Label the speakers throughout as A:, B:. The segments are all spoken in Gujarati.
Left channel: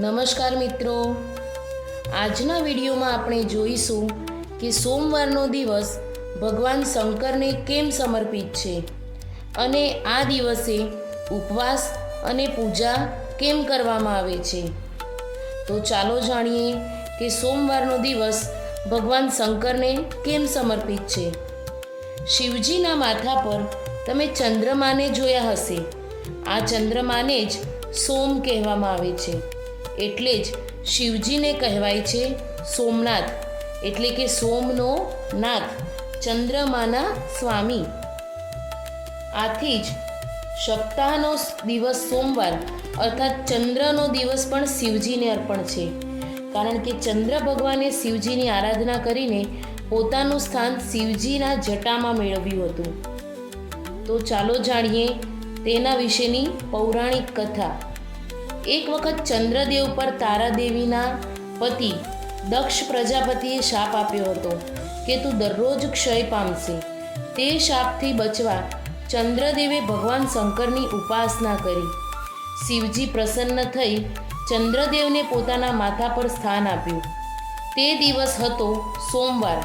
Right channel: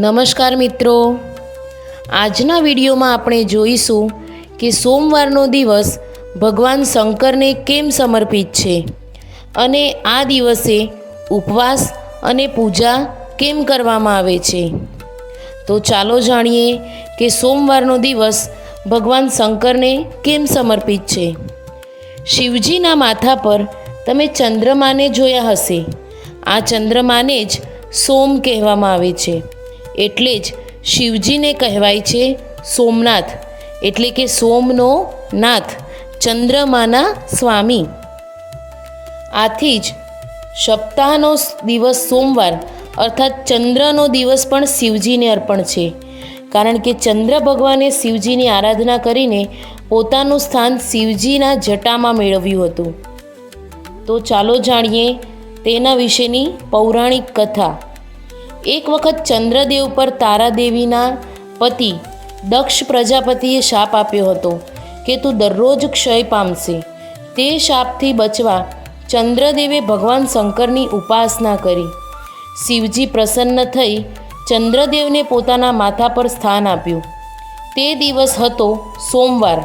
A: નમસ્કાર મિત્રો. આજના વિડીયોમાં આપણે જોઈશું કે સોમવારનો દિવસ ભગવાન શંકરને કેમ સમર્પિત છે અને આ દિવસે ઉપવાસ અને પૂજા કેમ કરવામાં આવે છે. તો ચાલો જાણીએ કે સોમવારનો દિવસ ભગવાન શંકરને કેમ સમર્પિત છે. શિવજીના માથા પર તમે ચંદ્રમાને જોયા હશે. આ ચંદ્રમાને જ સોમ કહેવામાં આવે છે. એટલે જ શિવજીને કહેવાય છે સોમનાથ. એટલે કે સોમનો નાથ ચંદ્રમાના સ્વામી. આથી જ સપ્તાહનો દિવસ સોમવાર અર્થાત ચંદ્રનો દિવસ પણ શિવજીને અર્પણ છે. કારણ કે ચંદ્ર ભગવાને શિવજીની આરાધના કરીને પોતાનું સ્થાન શિવજીના જટામાં મેળવ્યું હતું. તો ચાલો જાણીએ તેના વિશેની પૌરાણિક કથા. એક વખત ચંદ્રદેવ પર તારાદેવીના પતિ દક્ષ પ્રજાપતિએ શાપ આપ્યો હતો કે તું દરરોજ ક્ષય પામશે. તે શાપથી બચવા ચંદ્રદેવે ભગવાન શંકરની ઉપાસના કરી. શિવજી પ્રસન્ન થઈ ચંદ્રદેવને પોતાના માથા પર સ્થાન આપ્યું. તે દિવસ હતો સોમવાર.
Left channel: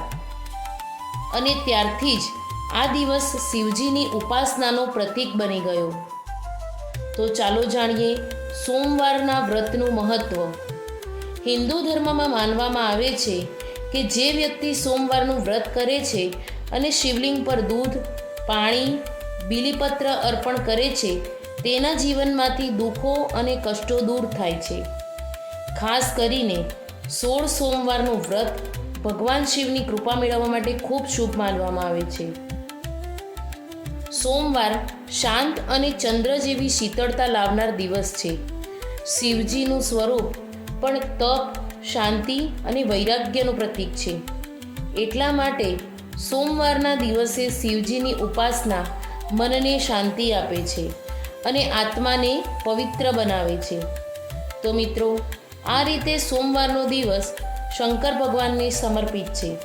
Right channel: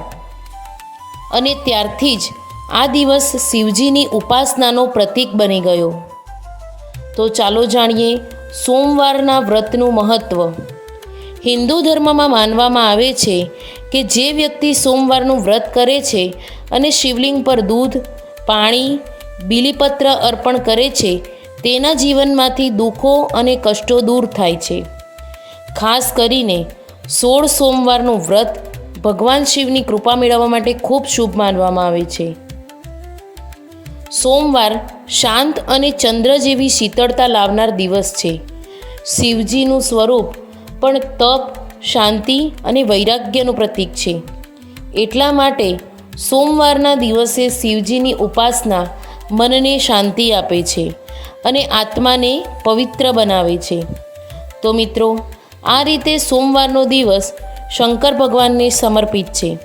A: અને ત્યારથી જ આ દિવસ શિવજીની ઉપાસનાનો પ્રતીક બની ગયો. તો ચાલો જાણીએ સોમવારના વ્રતનું મહત્ત્વ હિન્દુ ધર્મમાં માનવામાં આવે છે કે જે વ્યક્તિ સોમવારનું વ્રત કરે છે અને શિવલિંગ પર દૂધ, પાણી, બીલીપત્ર અર્પણ કરે છે, તેના જીવનમાંથી દુઃખો અને કષ્ટો દૂર થાય છે. ખાસ કરીને સોળ સોમવારનું વ્રત ભગવાન શિવની કૃપા મેળવવા માટે ખૂબ શુભ માનવામાં આવે છે. સોમવાર શાંત અને ચંદ્ર જેવી શીતળતા લાવનાર દિવસ છે. શિવજીનું સ્વરૂપ પણ તપ, શાંતિ અને વૈરાગ્યનું પ્રતીક છે. એટલા માટે સોમવારના દિવસે શિવજીની ઉપાસના મનને શાંતિ આપે છે અને આત્માને પવિત્ર બનાવે છે. તો મિત્રો, આ રીતે સોમવારનો દિવસ શંકર ભગવાનને સમર્પિત છે.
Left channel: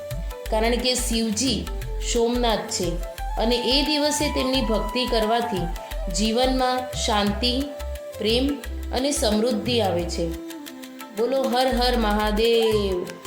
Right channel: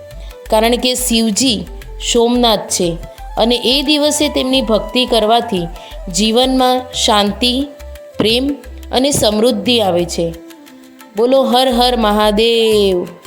A: કારણ કે શિવજી સોમનાથ છે અને એ દિવસે તેમની ભક્તિ કરવાથી જીવનમાં શાંતિ, પ્રેમ અને સમૃદ્ધિ આવે છે. બોલો હર હર મહાદેવ.